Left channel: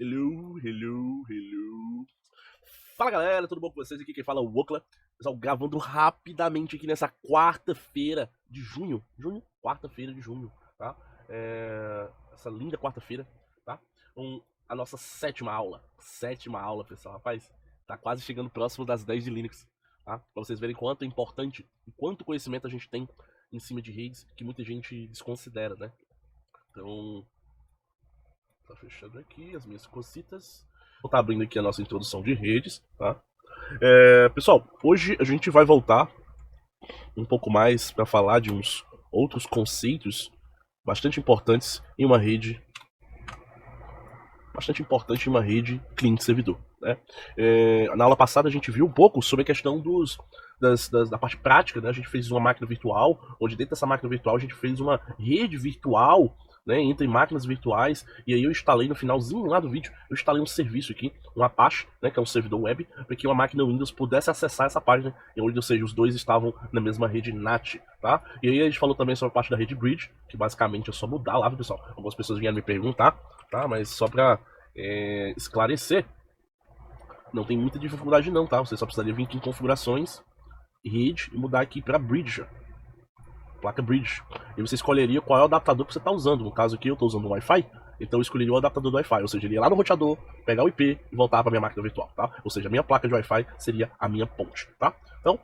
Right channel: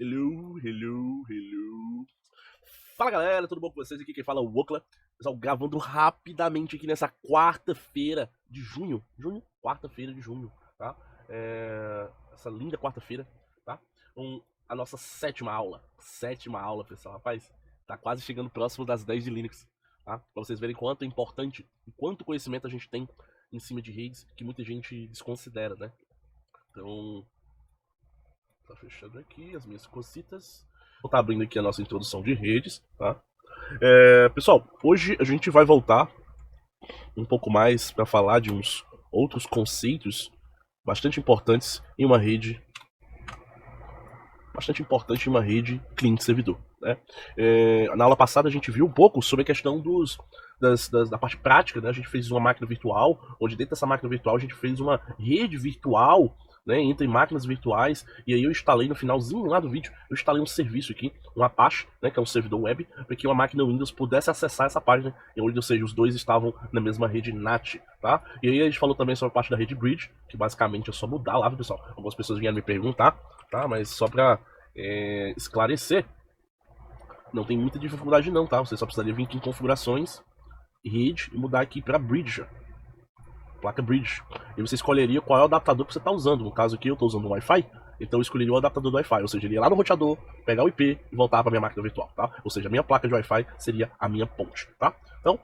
Hello, hello, hello. Fala galera, tudo bom com vocês? Aqui quem fala é o Wokla. Pessoal, gravando rapidamente aqui nessa quarta-feira de junho. Quarta-feira de junho, tá? Essa linda quarta-feira, tá? A nossa sétima aula. Sétima aula, pessoal. Rapaz, tá quase chegando próximo das 10 de Linux, tá? Pra vocês verem quanto é importante e quanto conhecimento a gente tem em cima de redes que muita gente desconsidera, né? Então, tá fechando aqui as minhas cositas. Vou estar abrindo aqui a nossa introdução de redes, tá? Pessoal, hoje a gente vai voltar um pouco mais para falar de uns outros conceitos bastante importantes em uma rede, cliente servidor, né? Na aula passada a gente viu um pouco sobre a questão da parte prática, né? A gente fez uma máquina virtual, onde dentro dessa máquina virtual a gente fez uma rede virtual, né, entre máquinas virtuais, e aí eu instalei no finalzinho lá do vídeo, eu instalei um serviço aqui, um Apache, né, que é um servidor web, para que uma máquina Windows pudesse acessar essa página, onde, ou seja, os dois estavam na mesma rede NAT, tá? E aí a gente falou também sobre a parte da rede Bridge, que basicamente é só mudar lá, pessoal. Algumas pessoas vieram me perguntar, tá? Mas só para esclarecer, não tem muita dificuldade não, tá? Você só precisaria vir aqui em configurações, rede, mudar aqui para Bridge, placa Bridge. E você escolheria qual é o adaptador que você está usando. No caso aqui eu estou usando o Wi-Fi, então eu escolheria o adaptador do Wi-Fi. Ou seja, ele ia lá no roteador, pegar o IP e voltar para minha máquina virtual, tá? Ou seja, a minha placa de Wi-Fi seria a minha ponte, tá? Então,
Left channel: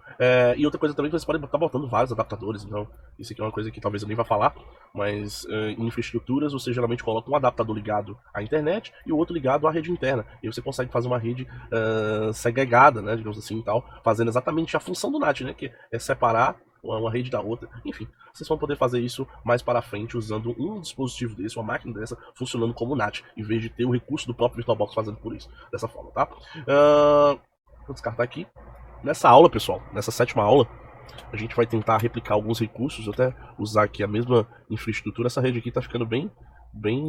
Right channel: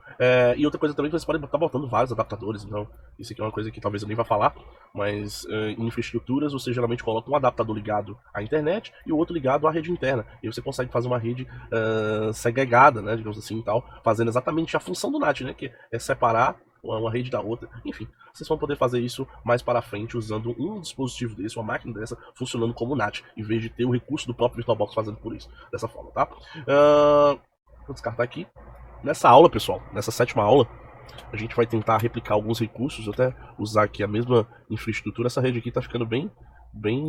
e outra coisa também que vocês podem estar botando vários adaptadores, então isso aqui é uma coisa que talvez eu nem vá falar, mas em infraestruturas você geralmente coloca um adaptador ligado à internet e o outro ligado à rede interna. E você consegue fazer uma rede segregada, né, digamos assim e tal, fazendo exatamente a função do NAT, né, que é separar uma rede da outra, enfim. Vocês vão poder fazer isso mais para frente usando um dispositivo desse, uma máquina dessa, funcionando como NAT, em vez de ter o recurso do próprio VirtualBox fazendo por isso, dessa forma, tá? Vou descartar aqui. Nessa aula, pessoal, nessa sétima aula, a gente vai tentar replicar alguns recursos, até usar aqui a mesma infraestrutura. Essa rede aqui está ficando bem, bem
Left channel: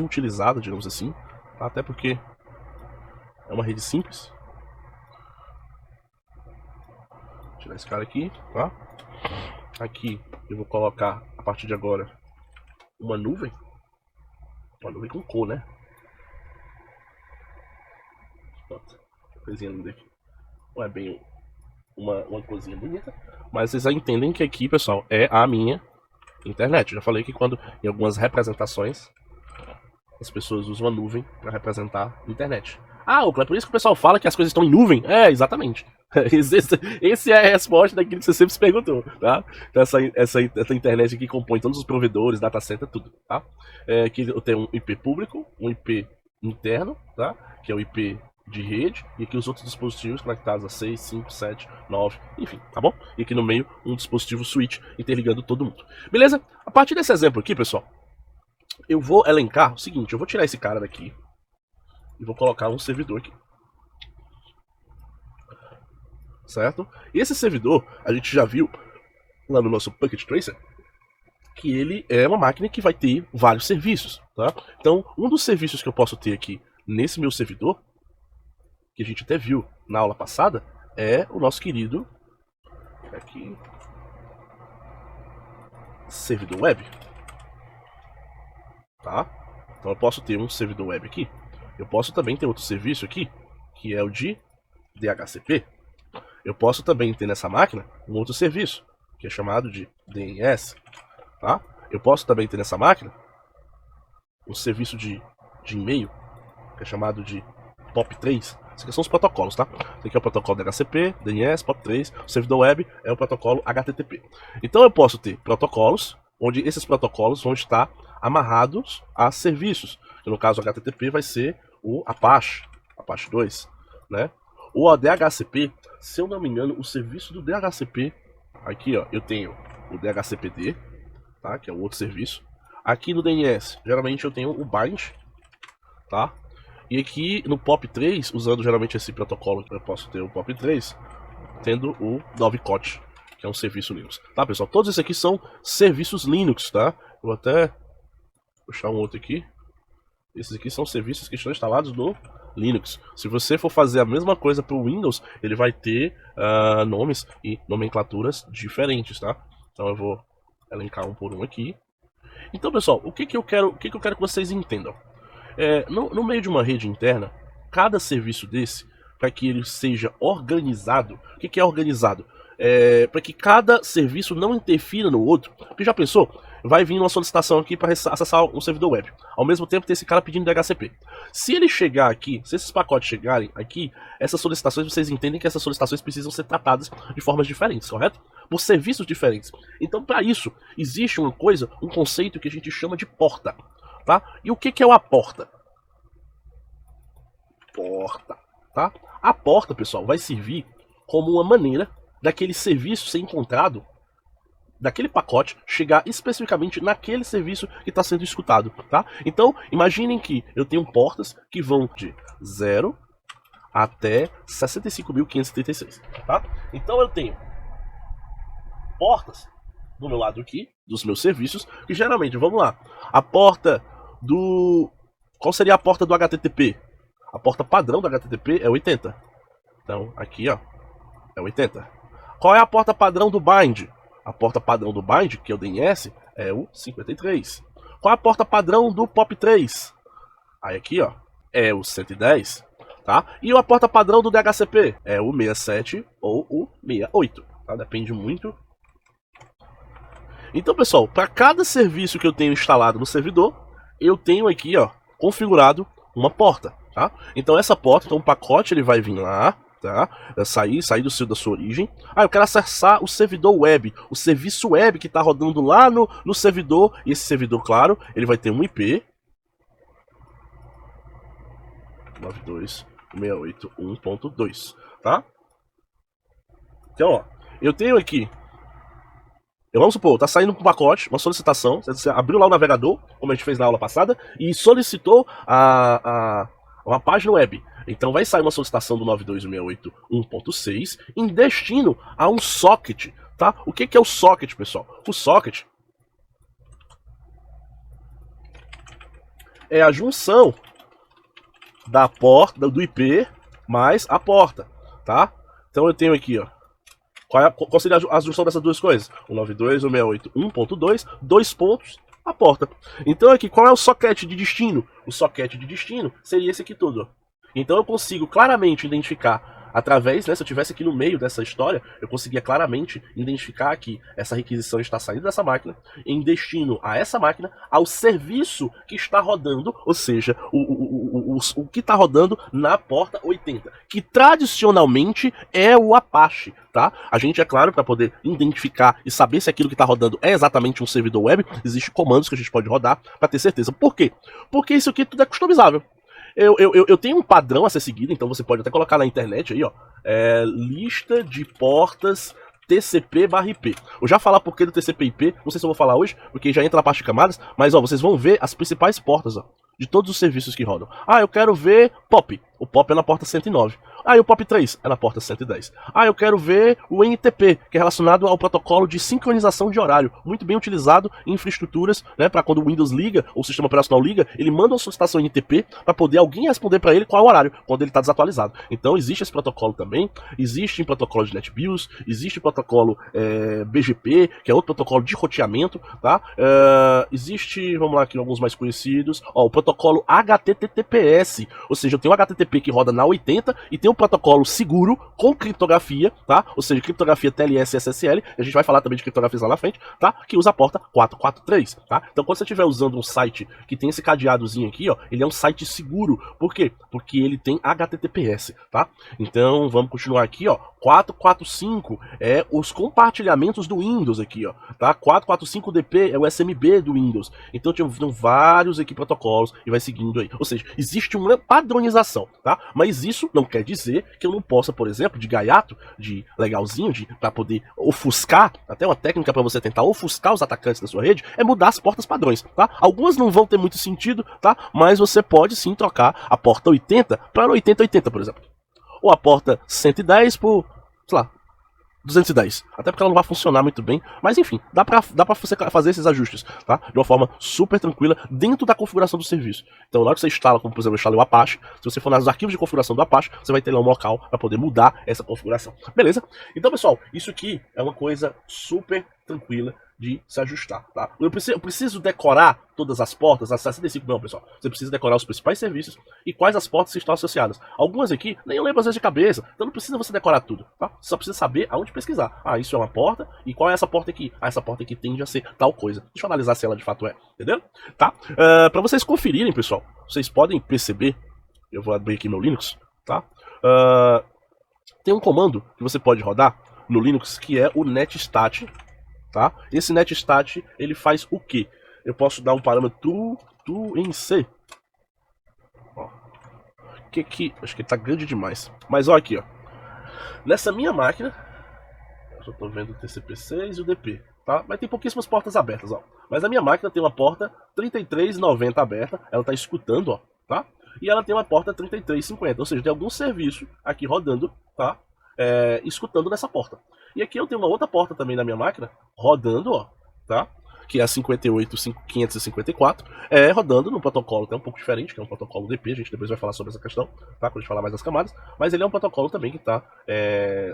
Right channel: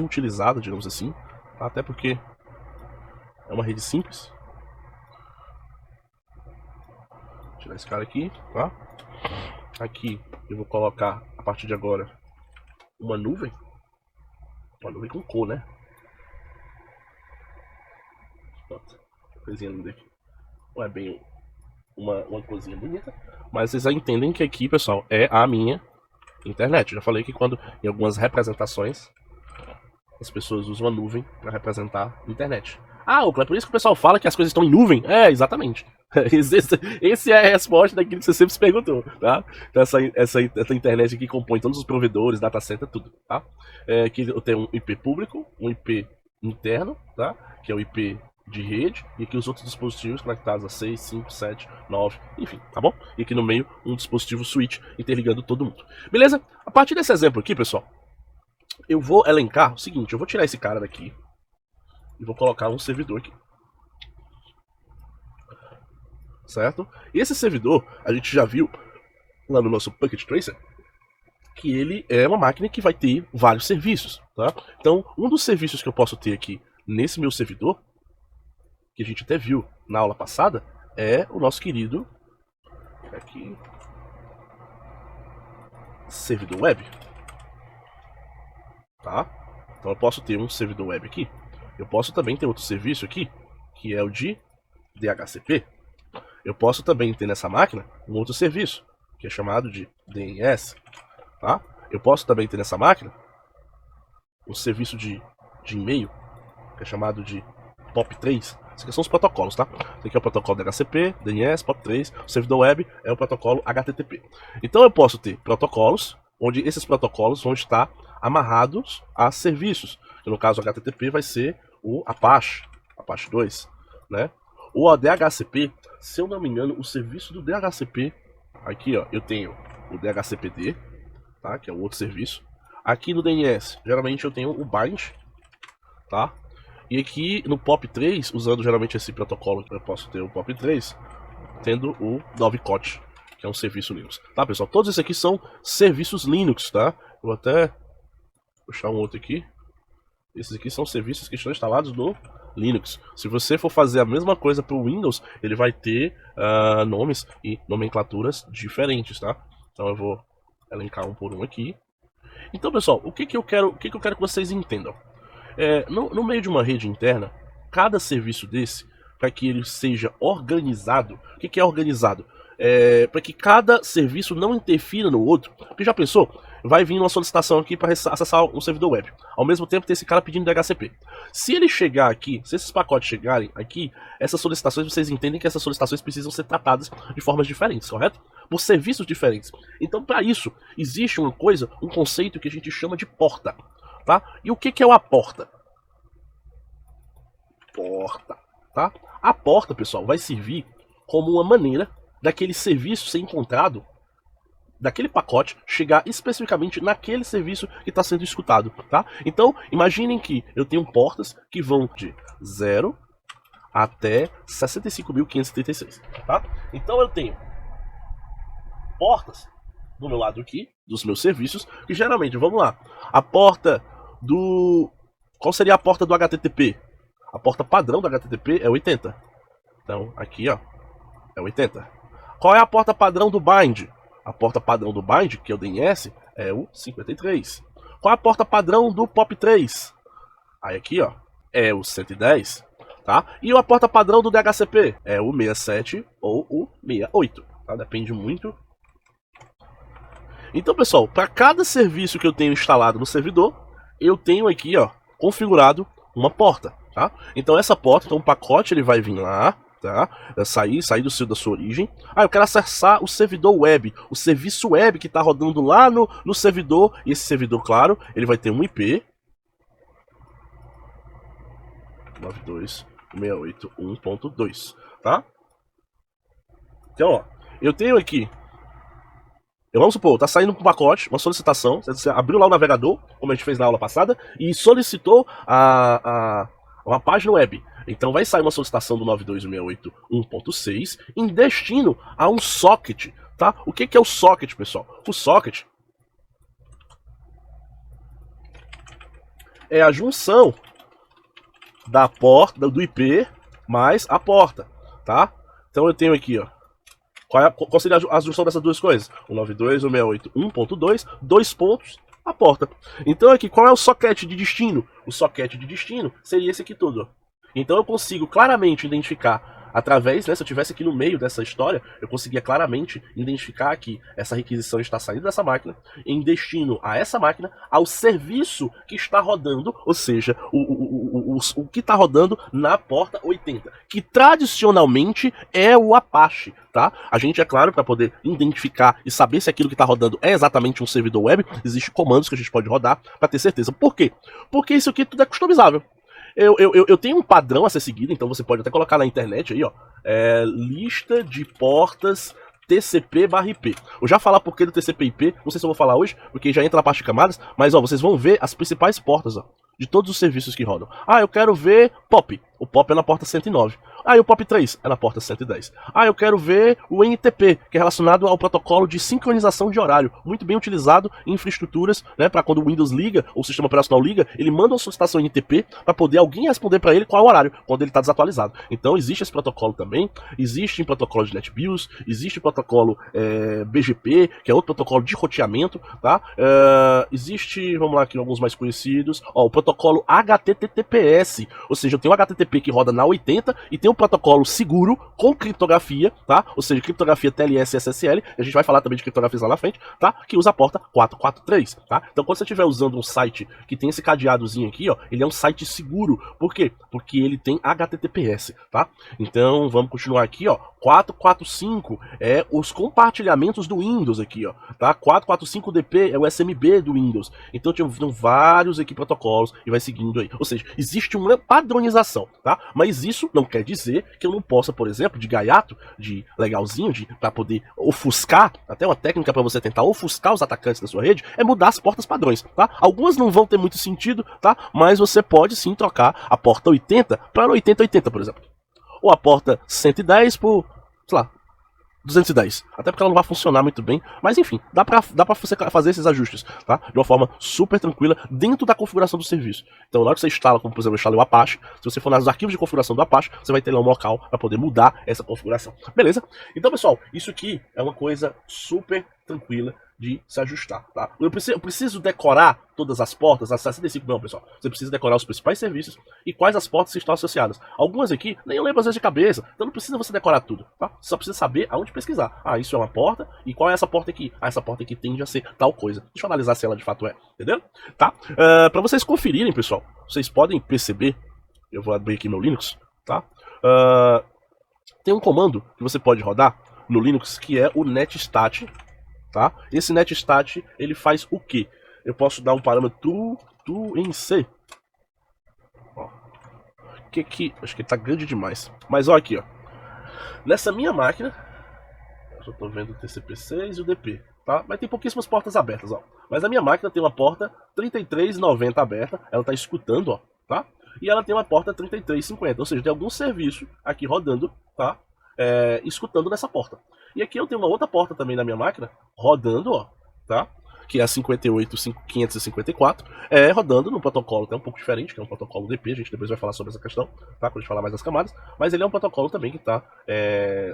utilizada, digamos assim, até porque é uma rede simples. Vou tirar esse cara aqui, tá? Aqui eu vou colocar, a partir de agora, uma nuvem com cor, né? Coisinha linda aqui. Não é bem uma coisinha bonita, mas vocês já entendem que aqui, pessoal, é a minha internet. Já falei que quando em algumas representações as pessoas usam a nuvem para representar a internet. Ah, é por isso que o pessoal fala que as coisas estão em nuvem. É, exatamente. Esse é a resposta daquilo que você sempre se perguntou, tá? Então essa internet aqui compõe todos os provedores, data center, tudo, tá? Aqui eu tenho um IP público, um IP interno, tá? Que é o IP de rede, e aqui os outros dispositivos conectados a 6, 5, 7, 9, enfim, tá bom? E aqui no meio um dispositivo switch interligando todo mundo. Beleza? A partir desse exemplo aqui, pessoal, eu vou elencar o seguinte, eu vou tirar esse cara daqui e vou colocar um servidor aqui. Certo? E esse servidor, a gente já viu lá no nosso Packet Tracer, que ele é uma máquina que vai ter vários serviços, tá? Então, um dos serviços que eu posso ter aqui nesse meu servidor, que a gente até viu na aula passada, é o nosso querido aqui, servidor web, tá? Então eu posso ter um servidor web aqui. Eu posso também ter outro serviço aqui, que é o de DHCP. Eu posso também ter nessa máquina um outro serviço, que é chamado de DNS, tá? Eu posso também ter nessa máquina um serviço de e-mail, que é chamado de POP3. Esses aqui são os protocolos, tá? Esse aqui é o protocolo DHCP, DNS, POP3. O servidor web é o protocolo HTTP. Então eu posso ter protocolos, onde esses protocolos vão estar amarrados a serviços. Que no caso o HTTP vai ser o Apache 2, né? O DHCP, se eu não me engano, o serviço do DHCP. Aqui, ó, eu tenho o DHCPD, tá? Que é um outro serviço. Aqui no DNS, geralmente eu tenho o bind, tá? E aqui no POP3, usando geralmente esse protocolo, eu posso ter o POP3, tendo o Dovecot, que é um serviço Linux. Tá, pessoal? Todos esses aqui são serviços Linux, tá? Eu vou até puxar um outro aqui. Esses aqui são serviços que estão instalados no Linux. Se você for fazer a mesma coisa para o Windows, ele vai ter nomes e nomenclaturas diferentes, tá? Então eu vou elencar um por um aqui. Então, pessoal, o que eu quero que vocês entendam? No meio de uma rede interna, cada serviço desse, para que ele seja organizado, o que é organizado? Para que cada serviço não interfira no outro. Porque já pensou? Vai vir uma solicitação aqui para acessar um servidor web. Ao mesmo tempo tem esse cara pedindo DHCP. Se ele chegar aqui, se esses pacotes chegarem aqui, essas solicitações, vocês entendem que essas solicitações precisam ser tratadas de formas diferentes, certo? Por serviços diferentes. Então, para isso, existe uma coisa, um conceito que a gente chama de porta. Tá? E o que é uma porta? Tá? A porta, pessoal, vai servir como uma maneira daquele serviço ser encontrado, daquele pacote chegar especificamente naquele serviço que está sendo escutado, tá? Então, imaginem que eu tenho portas que vão de 0 até 65.536, tá? Então eu tenho portas do meu lado aqui, dos meus serviços, que geralmente, vamos lá, a porta do... Qual seria a porta do HTTP? A porta padrão do HTTP é 80. Então, aqui, ó, é 80. Qual é a porta padrão do bind? A porta padrão do bind, que é o DNS, é o 53. Qual é a porta padrão do POP3? Aí aqui, ó, é o 110, tá? E a porta padrão do DHCP é o 67 ou o 68, tá? Depende muito. Então, pessoal, para cada serviço que eu tenho instalado no servidor, eu tenho aqui, ó, configurado uma porta, tá? Então essa porta, então o pacote ele vai vir lá, tá? Sair da sua origem. Eu quero acessar o servidor web, o serviço web que está rodando lá no servidor. E esse servidor, claro, ele vai ter um IP 92.168.1.2, tá? Então, ó, eu tenho aqui, vamos supor, tá saindo um pacote, uma solicitação, você abriu lá o navegador, como a gente fez na aula passada, e solicitou uma página web. Então vai sair uma solicitação do 92.168.1.6 em destino a um socket, tá? O que é o socket, pessoal? O socket é a junção da porta, do IP, mais a porta, tá? Então eu tenho aqui, ó, qual seria a junção dessas duas coisas? O 92.168.1.2, dois pontos, a porta. Então aqui, qual é o socket de destino? O socket de destino seria esse aqui tudo, ó. Então eu consigo claramente identificar através, né, se eu estivesse aqui no meio dessa história, eu conseguia claramente identificar que essa requisição está saindo dessa máquina, em destino a essa máquina, ao serviço que está rodando, ou seja, o que está rodando na porta 80, que tradicionalmente é o Apache, tá? A gente, é claro, para poder identificar e saber se aquilo que está rodando é exatamente um servidor web, existem comandos que a gente pode rodar para ter certeza. Por quê? Porque isso aqui tudo é customizável. Eu tenho um padrão a ser seguido, então você pode até colocar na internet aí, ó, lista de portas TCP/IP. Eu já falar por que do TCP/IP, não sei se eu vou falar hoje, porque já entra na parte de camadas, mas ó, vocês vão ver as principais portas, ó, de todos os serviços que rodam. Eu quero ver POP. O POP é na porta 109. E o POP3 é na porta 110. Eu quero ver o NTP, que é relacionado ao protocolo de sincronização de horário, muito bem utilizado em infraestruturas, né, para quando o Windows liga, ou o sistema operacional liga, ele manda uma solicitação NTP para poder alguém responder para ele qual é o horário, quando ele está desatualizado. Então existe esse protocolo também, existe protocolo de NetBIOS, existe protocolo BGP, que é outro protocolo de roteamento, tá? Existe, vamos lá aqui, alguns mais conhecidos, o protocolo HTTPS, ou seja, eu tenho o HTTP que roda na 80 e tem um protocolo seguro com criptografia, tá? Ou seja, criptografia TLS e SSL, a gente vai falar também de criptografias lá na frente, tá? Que usa a porta 443, tá? Então quando você estiver usando um site que tem esse cadeadozinho aqui, ó, ele é um site seguro. Por quê? Porque ele tem HTTPS, tá? Então vamos continuar aqui, ó. 445 é os compartilhamentos do Windows aqui, ó, tá? 445DP é o SMB do Windows. Então tem vários aqui protocolos e vai seguindo aí. Ou seja, existe uma padronização, tá? Mas isso não quer dizer que eu não possa, por exemplo, de gaiato, de legalzinho, para poder ofuscar, até uma técnica para você tentar ofuscar os atacantes da sua rede, é mudar as portas padrões, tá? Algumas não vão ter muito sentido, tá? Mas você pode sim trocar a porta 80 para 8080, por exemplo. Ou a porta 110 por, sei lá, 210. Até porque ela não vai funcionar muito bem. Mas enfim, dá pra você fazer esses ajustes, tá? De uma forma super tranquila dentro da configuração do serviço. Então na hora que você instala, como por exemplo eu instalei o Apache, se você for nos arquivos de configuração do Apache, você vai ter lá um local para poder mudar essa configuração. Beleza? Então pessoal, isso aqui é uma coisa super tranquila de se ajustar, tá? Eu preciso decorar todas as portas, as 65 não, pessoal. Você precisa decorar os principais serviços e quais as portas estão associadas. Algumas aqui, nem eu lembro às vezes de cabeça, então não precisa você decorar tudo, tá? Você só precisa saber aonde pesquisar. Ah, isso é uma porta, e qual é essa porta aqui? Ah, essa porta aqui tende a ser tal coisa. Deixa eu analisar se ela de fato é, entendeu? Tá? Pra vocês conferirem, pessoal, vocês podem perceber, eu vou abrir aqui meu Linux, tá? Tem um comando que você pode rodar no Linux que é o netstat, tá? Esse netstat, ele faz o quê? Eu posso dar um parâmetro em C. Ó. Acho que tá grande demais. Mas ó aqui, ó. Nessa minha máquina, eu só tô vendo o TCP6 e o DP, tá? Mas tem pouquíssimas portas abertas, ó. Mas a minha máquina tem uma porta 3390 aberta, ela tá escutando, ó, tá? E ela tem uma porta 3350, ou seja, tem algum serviço aqui rodando, tá? Escutando nessa porta. E aqui eu tenho uma outra porta também na minha máquina, rodando, ó, tá? Que é a 58554, rodando no protocolo até um pouco diferente, que é um protocolo DP, a gente depois vai falar sobre essa questão, tá? Quando a gente falar mais das camadas, mas ele é um protocolo também que está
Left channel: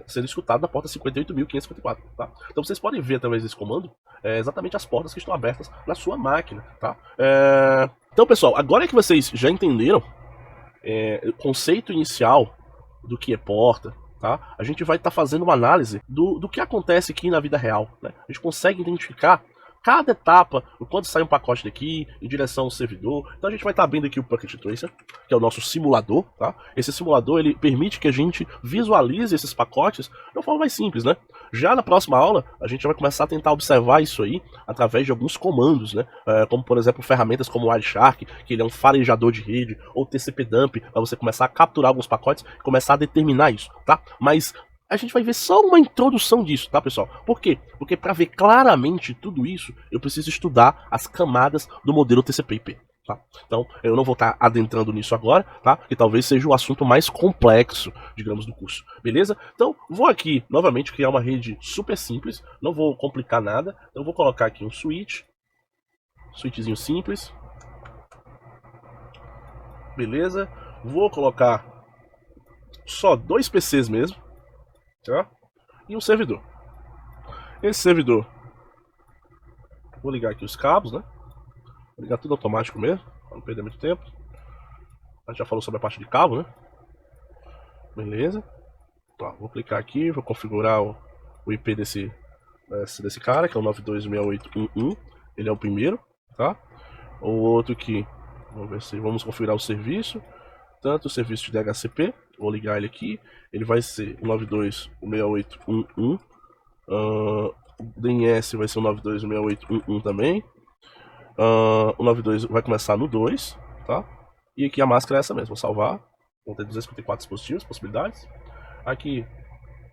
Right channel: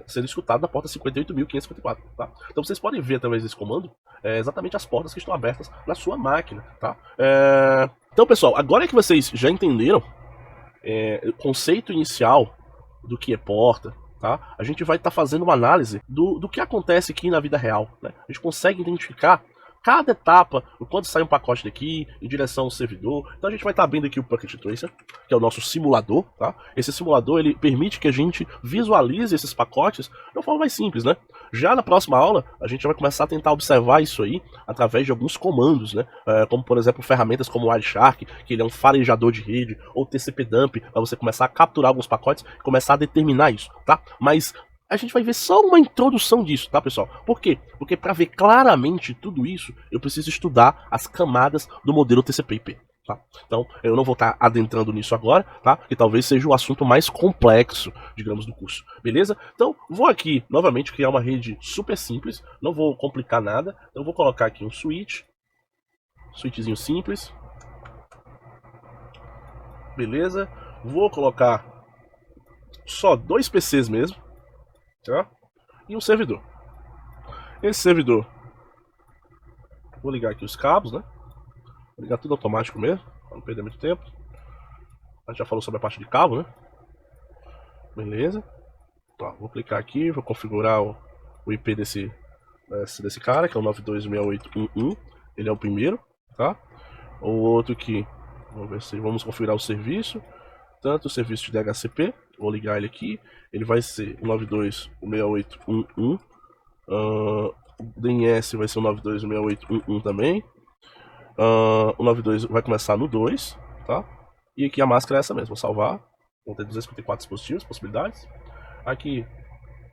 sendo escutado na porta 58554, tá? Então vocês podem ver através desse comando exatamente as portas que estão abertas na sua máquina, tá? Então, pessoal, agora que vocês já entenderam o conceito inicial do que é porta, tá? A gente vai estar fazendo uma análise do que acontece aqui na vida real, né? A gente consegue identificar cada etapa, quando sai um pacote daqui, em direção ao servidor. Então a gente vai estar abrindo aqui o Packet Tracer, que é o nosso simulador, tá? Esse simulador, ele permite que a gente visualize esses pacotes de uma forma mais simples, né? Já na próxima aula, a gente vai começar a tentar observar isso aí através de alguns comandos, né? Como, por exemplo, ferramentas como o Wireshark, que ele é um farejador de rede, ou TCP-dump, para você começar a capturar alguns pacotes e começar a determinar isso, tá? Mas a gente vai ver só uma introdução disso, tá, pessoal? Por quê? Porque para ver claramente tudo isso, eu preciso estudar as camadas do modelo TCP/IP, tá? Então, eu não vou estar adentrando nisso agora, tá? Que talvez seja o assunto mais complexo, digamos, do curso, beleza? Então, vou aqui, novamente, criar uma rede super simples, não vou complicar nada, então vou colocar aqui um switchzinho simples, beleza? Vou colocar só 2 PCs mesmo, tá? E um servidor. Esse servidor, vou ligar aqui os cabos, né? Vou ligar tudo automático mesmo, para não perder muito tempo. A gente já falou sobre a parte de cabo, né? Beleza. Tá, vou clicar aqui, vou configurar o IP desse cara, que é o 926811. Ele é o primeiro, tá? O outro aqui, vamos configurar o serviço. Tanto o serviço de DHCP, vou ligar ele aqui. Ele vai ser o 926811. O DNS vai ser o 926811 também. O 92 vai começar no 2, tá? E aqui a máscara é essa mesmo, vou salvar. Vão ter 254 dispositivos, possibilidades. Aqui,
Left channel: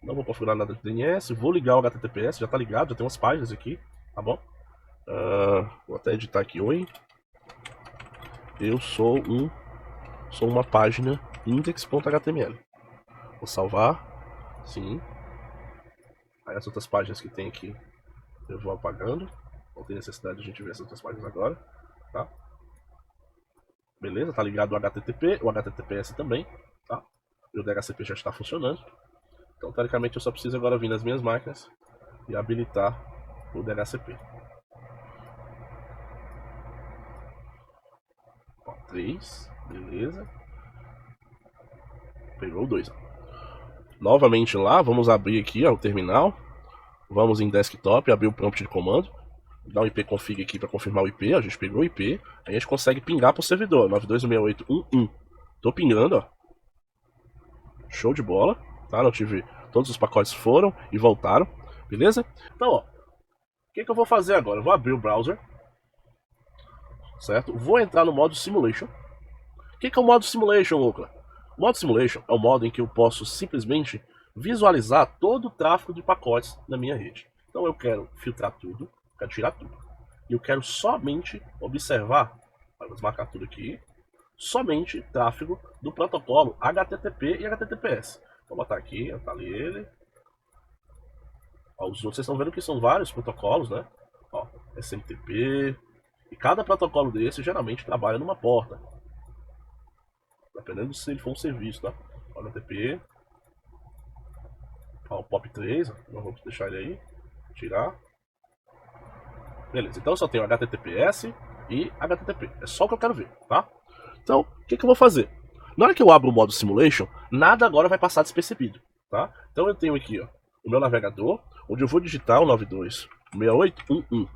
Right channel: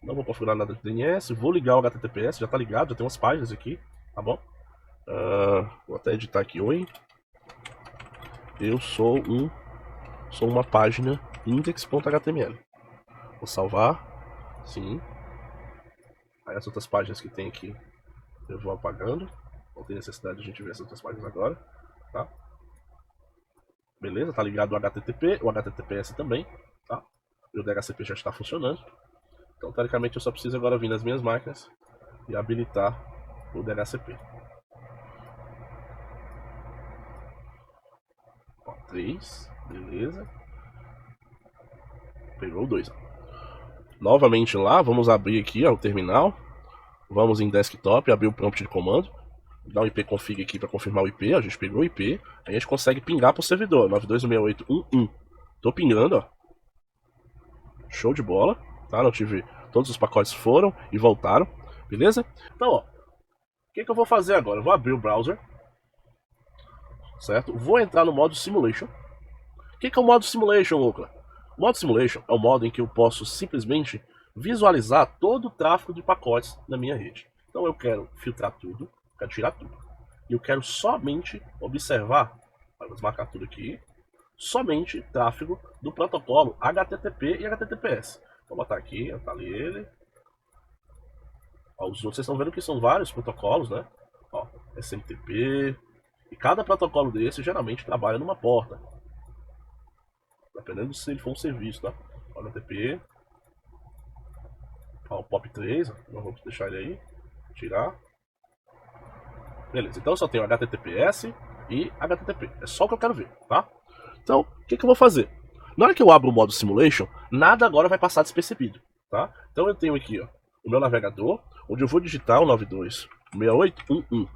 não vou configurar nada de DNS, vou ligar o HTTPS, já tá ligado, já tem umas páginas aqui, tá bom? Vou até editar aqui, oi. Eu sou uma página index.html. Vou salvar, sim. Aí as outras páginas que tem aqui eu vou apagando. Não tem necessidade de a gente ver essas outras páginas agora, tá? Beleza, tá ligado o HTTP, o HTTPS também, tá? E o DHCP já está funcionando. Então, teoricamente, eu só preciso agora vir nas minhas máquinas e habilitar o DHCP. Ó, 3, beleza. Pegou o 2. Novamente lá, vamos abrir aqui ó, o terminal. Vamos em desktop, abrir o prompt de comando. Dar um IP config aqui para confirmar o IP. A gente pegou o IP. Aí a gente consegue pingar para o servidor 926811. Tô pingando, ó. Show de bola, tá? Não tive. Todos os pacotes foram e voltaram, beleza? Então, ó, o que eu vou fazer agora? Eu vou abrir o browser, certo? Vou entrar no modo Simulation. O que é o modo Simulation, Lucas? O modo Simulation é o modo em que eu posso simplesmente visualizar todo o tráfego de pacotes na minha rede. Então eu quero filtrar tudo, quero tirar tudo. E eu quero somente observar, vamos marcar tudo aqui, somente tráfego do protocolo HTTP e HTTPS. Vou botar aqui, tá ali ele. Ó, os outros vocês estão vendo que são vários protocolos, né? Ó, SMTP. E cada protocolo desse geralmente trabalha numa porta. Dependendo se ele for um serviço, tá? Ó, HTTP. Ó, o POP3, não vamos deixar ele aí. Tirar. Beleza, então eu só tenho HTTPS e HTTP. É só o que eu quero ver, tá? Então, o que eu vou fazer? Na hora que eu abro o modo Simulation, nada agora vai passar despercebido, tá? Então eu tenho aqui, ó, o meu navegador, onde eu vou digitar o 92.68.1.1. Então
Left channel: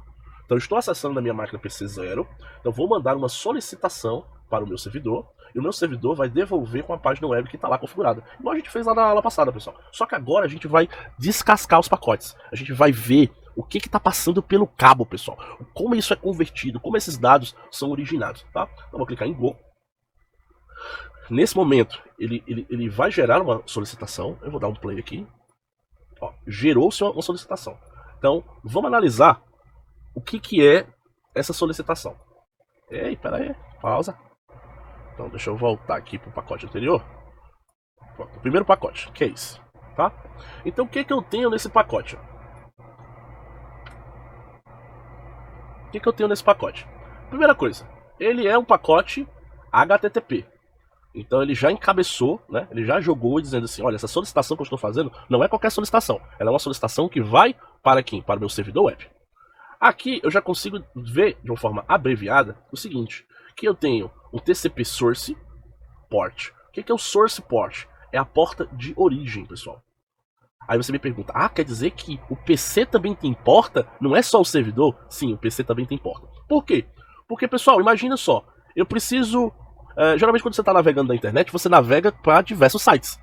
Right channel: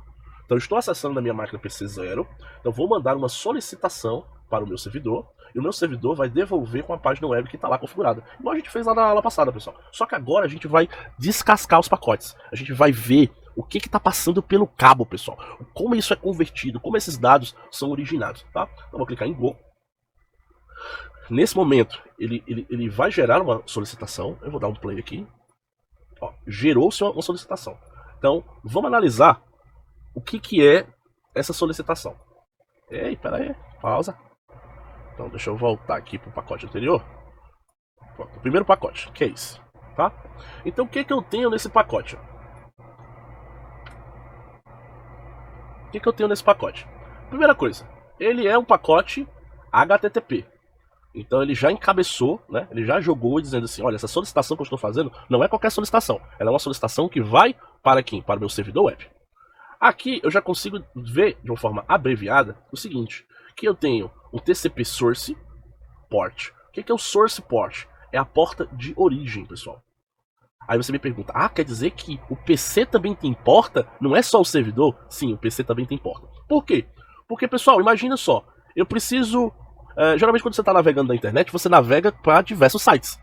eu estou acessando na minha máquina PC0, então vou mandar uma solicitação para o meu servidor, e o meu servidor vai devolver com a página web que está lá configurada. Igual a gente fez lá na aula passada, pessoal. Só que agora a gente vai descascar os pacotes. A gente vai ver o que está passando pelo cabo, pessoal. Como isso é convertido, como esses dados são originados, tá? Então vou clicar em Go. Nesse momento, ele vai gerar uma solicitação. Eu vou dar um play aqui. Ó, gerou-se uma solicitação. Então, vamos analisar o que é essa solicitação. Ei, peraí, pausa. Então, deixa eu voltar aqui para o pacote anterior. O primeiro pacote, que é isso? Tá? Então, o que eu tenho nesse pacote? O que eu tenho nesse pacote? Primeira coisa, ele é um pacote HTTP. Então ele já encabeçou, né? Ele já jogou dizendo assim, olha, essa solicitação que eu estou fazendo não é qualquer solicitação. Ela é uma solicitação que vai para quem? Para o meu servidor web. Aqui eu já consigo ver de uma forma abreviada o seguinte, que eu tenho um TCP Source Port. O que é o Source Port? É a porta de origem, pessoal. Aí você me pergunta, quer dizer que o PC também tem porta? Não é só o servidor? Sim, o PC também tem porta. Por quê? Porque, pessoal, imagina só, eu preciso... geralmente quando você está navegando na internet, você navega para diversos sites.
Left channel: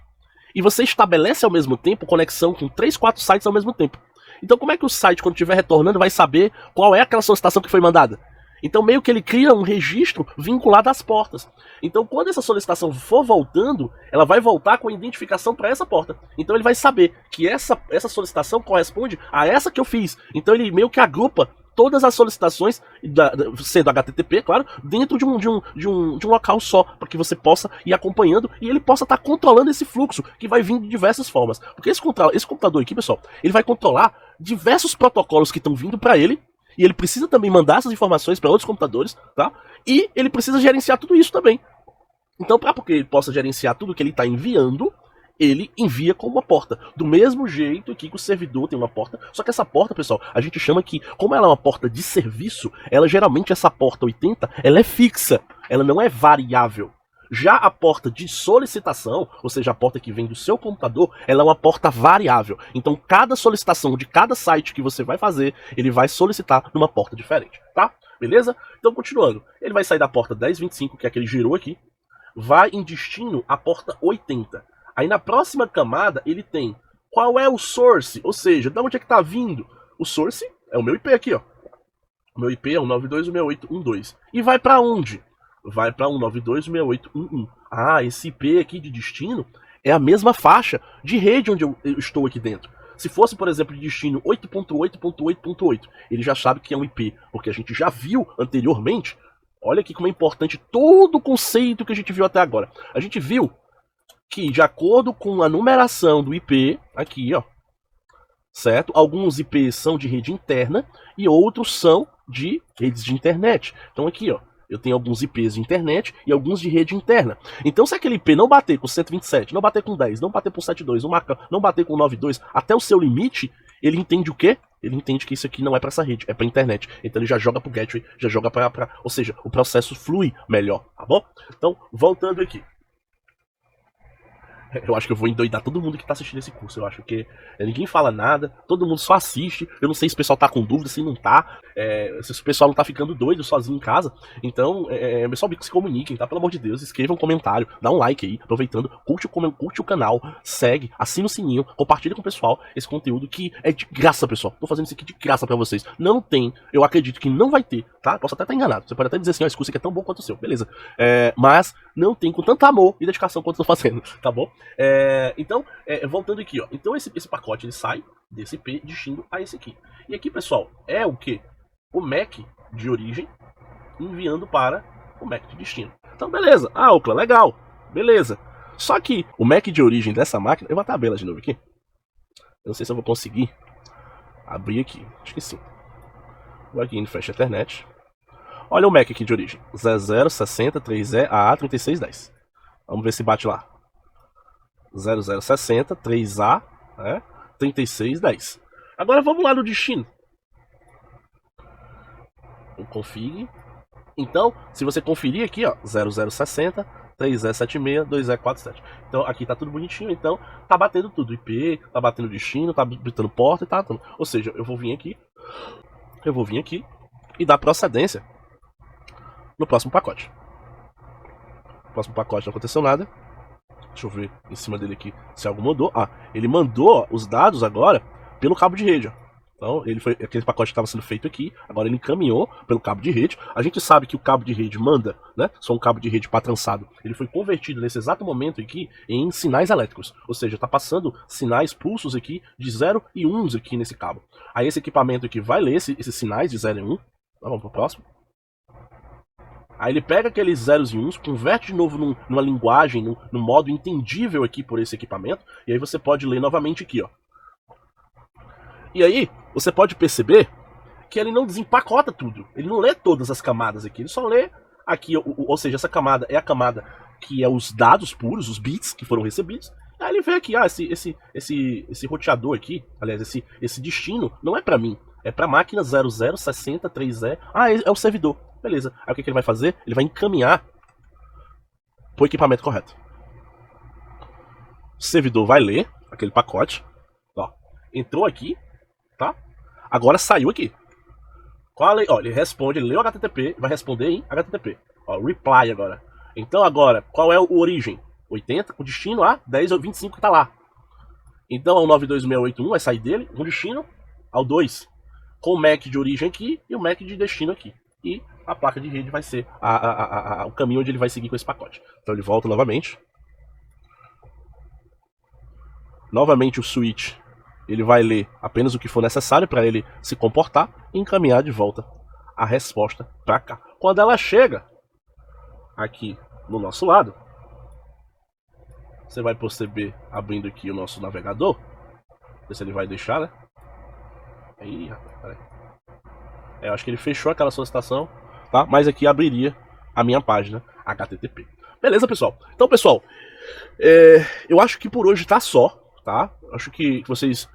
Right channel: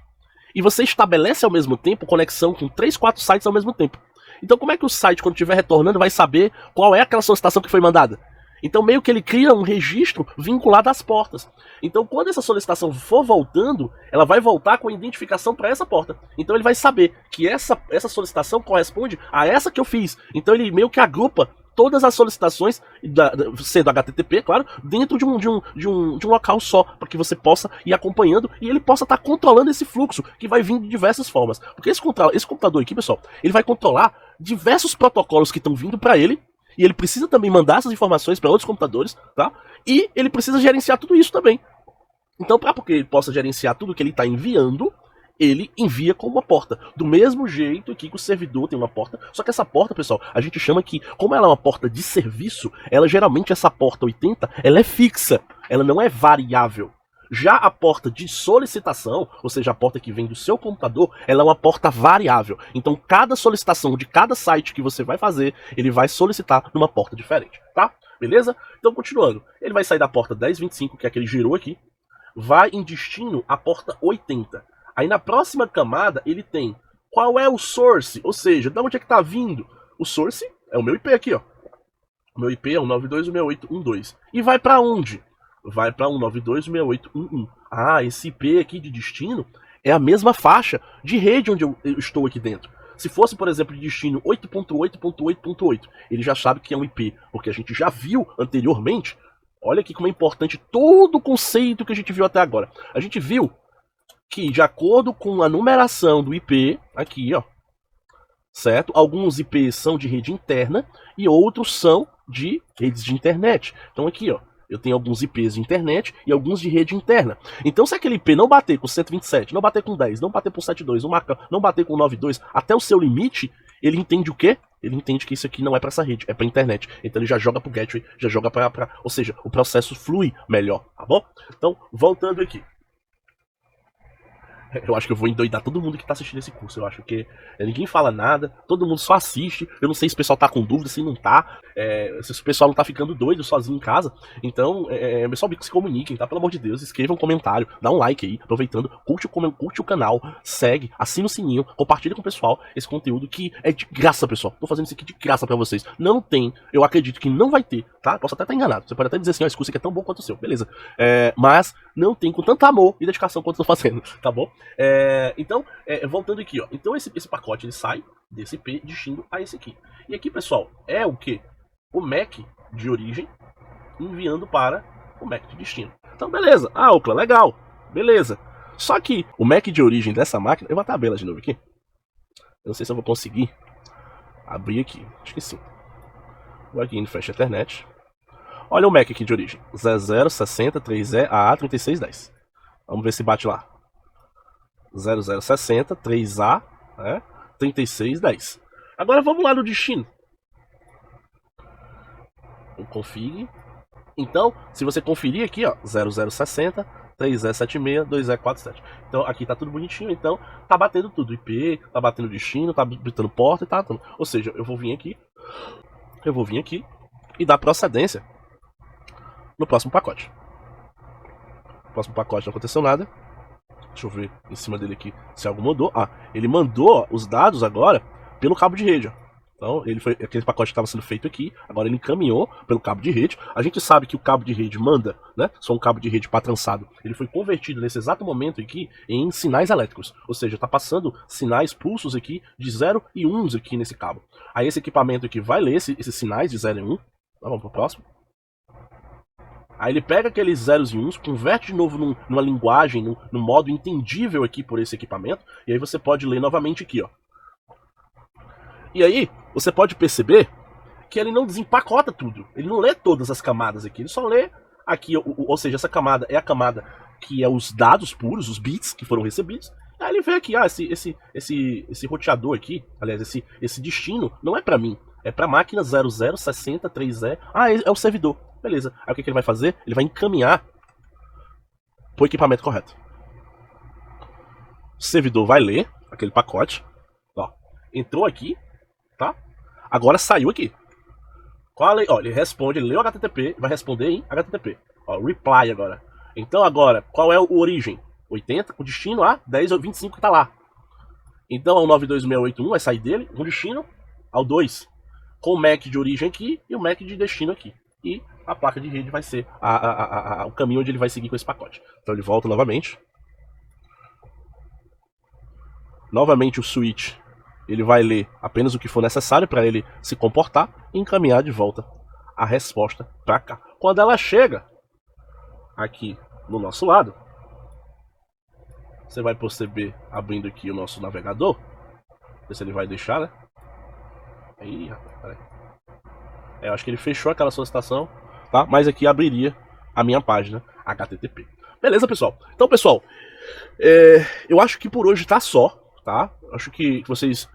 E você estabelece ao mesmo tempo conexão com 3, 4 sites ao mesmo tempo. Então como é que o site, quando estiver retornando, vai saber qual é aquela solicitação que foi mandada? Então meio que ele cria um registro vinculado às portas. Então quando essa solicitação for voltando, ela vai voltar com a identificação para essa porta. Então ele vai saber que essa solicitação corresponde a essa que eu fiz. Então ele meio que agrupa todas as solicitações, sendo HTTP, claro, dentro de um local só, para que você possa ir acompanhando e ele possa estar controlando esse fluxo, que vai vir de diversas formas. Porque esse computador aqui, pessoal, ele vai controlar diversos protocolos que estão vindo para ele, e ele precisa também mandar essas informações para outros computadores, tá? E ele precisa gerenciar tudo isso também. Então, para que ele possa gerenciar tudo que ele está enviando, ele envia com uma porta. Do mesmo jeito aqui que o servidor tem uma porta, só que essa porta, pessoal, a gente chama que, como ela é uma porta de serviço, ela geralmente, essa porta 80, ela é fixa, ela não é variável. Já a porta de solicitação, ou seja, a porta que vem do seu computador, ela é uma porta variável. Então, cada solicitação de cada site que você vai fazer, ele vai solicitar numa porta diferente, tá? Beleza? Então, continuando. Ele vai sair da porta 1025, que é a que ele gerou aqui, vai em destino à porta 80. Aí na próxima camada ele tem qual é o source, ou seja, de onde é que tá vindo. O source é o meu IP aqui, ó. O meu IP é 192.168.1.2. E vai para onde? Vai para 192.168.1.1. Esse IP aqui de destino é a mesma faixa de rede onde eu estou aqui dentro. Se fosse, por exemplo, de destino 8.8.8.8, ele já sabe que é um IP, porque a gente já viu anteriormente. Olha aqui como é importante todo o conceito que a gente viu até agora. A gente viu que, de acordo com a numeração do IP, aqui, ó, certo? Alguns IPs são de rede interna e outros são de redes de internet. Então aqui, ó, eu tenho alguns IPs de internet e alguns de rede interna. Então se aquele IP não bater com 127, não bater com 10, não bater com 72, não bater com 92, até o seu limite, ele entende o quê? Ele entende que isso aqui não é para essa rede, é para internet. Então ele já joga pro gateway, já joga para, ou seja, o processo flui melhor, tá bom? Então, voltando aqui. Eu acho que eu vou endoidar todo mundo que tá assistindo esse curso. Eu acho que ninguém fala nada, todo mundo só assiste. Eu não sei se o pessoal tá com dúvida, se não tá. Se o pessoal não tá ficando doido sozinho em casa. Então, pessoal, se comuniquem, tá? Pelo amor de Deus, escreva um comentário, dá um like aí, aproveitando, curte o canal, segue, assina o sininho, compartilha com o pessoal esse conteúdo que é de graça, pessoal. Tô fazendo isso aqui de graça pra vocês. Não tem, eu acredito que não vai ter, tá? Posso até estar enganado. Você pode até dizer assim, esse curso aqui é tão bom quanto o seu, beleza. Mas não tem com tanto amor e dedicação quanto eu tô fazendo, tá bom? Então, voltando aqui, ó. Então esse pacote ele sai desse IP destino a esse aqui. E aqui, pessoal, é o que? O MAC de origem enviando para o MAC de destino. Então, beleza. Opa, legal. Beleza. Só que o MAC de origem dessa máquina... Eu vou até abrir ela de novo aqui. Eu não sei se eu vou conseguir abrir aqui. Acho que sim. Vou aqui em Flash Ethernet. Olha o MAC aqui de origem. 0060 3E AA 3610. Vamos ver se bate lá. 0060 3A 3610. Agora vamos lá no destino. Então, se você conferir aqui, ó, 0060, 3E76, 2E47. Então, aqui tá tudo bonitinho, então tá batendo tudo. IP, tá batendo destino, tá batendo porta e tá tudo. Ou seja, eu vou vir aqui e dar procedência no próximo pacote. No próximo pacote não aconteceu nada. Deixa eu ver em cima dele aqui se algo mudou. Ah, ele mandou os dados agora pelo cabo de rede, ó. Então, ele foi aquele pacote que estava sendo feito aqui, agora ele encaminhou pelo cabo de rede. A gente sabe que o cabo de rede manda, né? Só um cabo de rede para trançado. Ele foi convertido nesse exato momento aqui em sinais elétricos. Ou seja, está passando sinais, pulsos aqui de 0 e 1 aqui nesse cabo. Aí esse equipamento aqui vai ler esses sinais de 0 e 1. Vamos pro próximo. Aí ele pega aqueles zeros e uns, converte de novo numa linguagem, num modo entendível aqui por esse equipamento. E aí você pode ler novamente aqui, ó. E aí, você pode perceber que ele não desempacota tudo. Ele não lê todas as camadas aqui. Ele só lê aqui, ou seja, essa camada é a camada que é os dados puros, os bits que foram recebidos. Aí ele vê aqui, esse roteador aqui, aliás, esse destino não é para mim. É para máquina 00603E. Ah, é o servidor. Beleza. Aí o que ele vai fazer? Ele vai encaminhar pro equipamento correto. O servidor vai ler aquele pacote. Ó, entrou aqui, tá? Agora saiu aqui. Ó, ele responde, ele leu HTTP, vai responder em HTTP. Ó, reply agora. Então agora, qual é o origem? 80, com destino a 10 ou 25 que tá lá. Então o 92681 vai sair dele, com destino ao 2. Com o MAC de origem aqui e o MAC de destino aqui. E a placa de rede vai ser o caminho onde ele vai seguir com esse pacote. Então ele volta novamente. Novamente o switch, ele vai ler apenas o que for necessário para ele se comportar e encaminhar de volta a resposta para cá. Quando ela chega aqui no nosso lado, você vai perceber, abrindo aqui o nosso navegador, ver se ele vai deixar, né? Aí, rapaz, peraí. Eu acho que ele fechou aquela solicitação, tá? Mas aqui abriria a minha página HTTP. Beleza, pessoal? Então, pessoal, eu acho que por hoje tá só, tá? Acho que vocês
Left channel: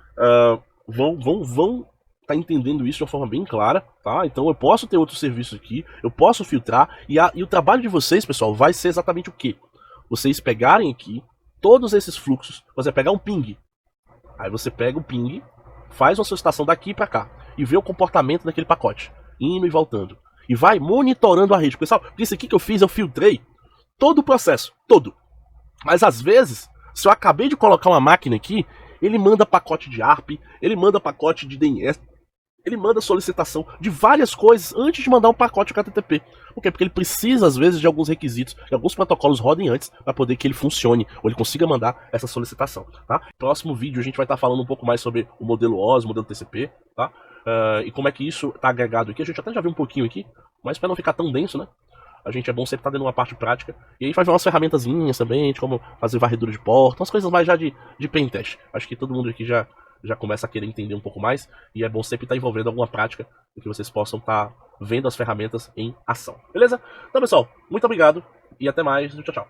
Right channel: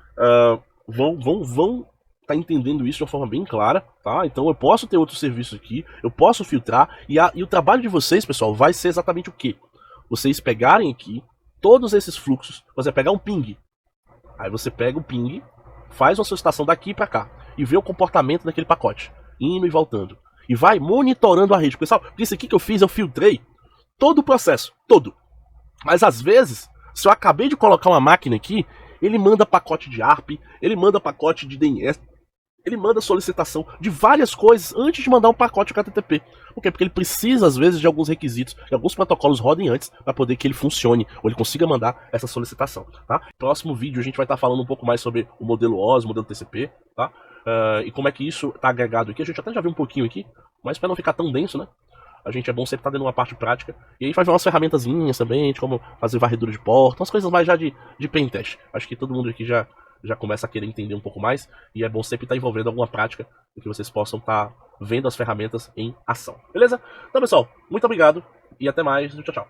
vão tá entendendo isso de uma forma bem clara, tá? Então eu posso ter outros serviços aqui, eu posso filtrar, e o trabalho de vocês, pessoal, vai ser exatamente o quê? Vocês pegarem aqui todos esses fluxos, você vai pegar um ping, aí você pega o ping, faz uma solicitação daqui para cá, e vê o comportamento daquele pacote, indo e voltando, e vai monitorando a rede. Pessoal, isso aqui que eu fiz, eu filtrei todo o processo, todo. Mas às vezes, se eu acabei de colocar uma máquina aqui, ele manda pacote de ARP, ele manda pacote de DNS, ele manda solicitação de várias coisas antes de mandar um pacote HTTP. Por quê? Porque ele precisa, às vezes, de alguns requisitos, de alguns protocolos rodem antes para poder que ele funcione, ou ele consiga mandar essa solicitação, tá? Próximo vídeo a gente vai estar falando um pouco mais sobre o modelo OS, o modelo TCP, tá? E como é que isso está agregado aqui. A gente até já viu um pouquinho aqui, mas para não ficar tão denso, né? A gente é bom sempre estar dando uma parte prática. E aí vai ver umas ferramentazinhas também, de como fazer varredura de porta, umas coisas mais já de pentest. Acho que todo mundo aqui já começa a querer entender um pouco mais. E é bom sempre estar envolvendo alguma prática para que vocês possam estar vendo as ferramentas em ação. Beleza? Então, pessoal, muito obrigado e até mais. Tchau, tchau.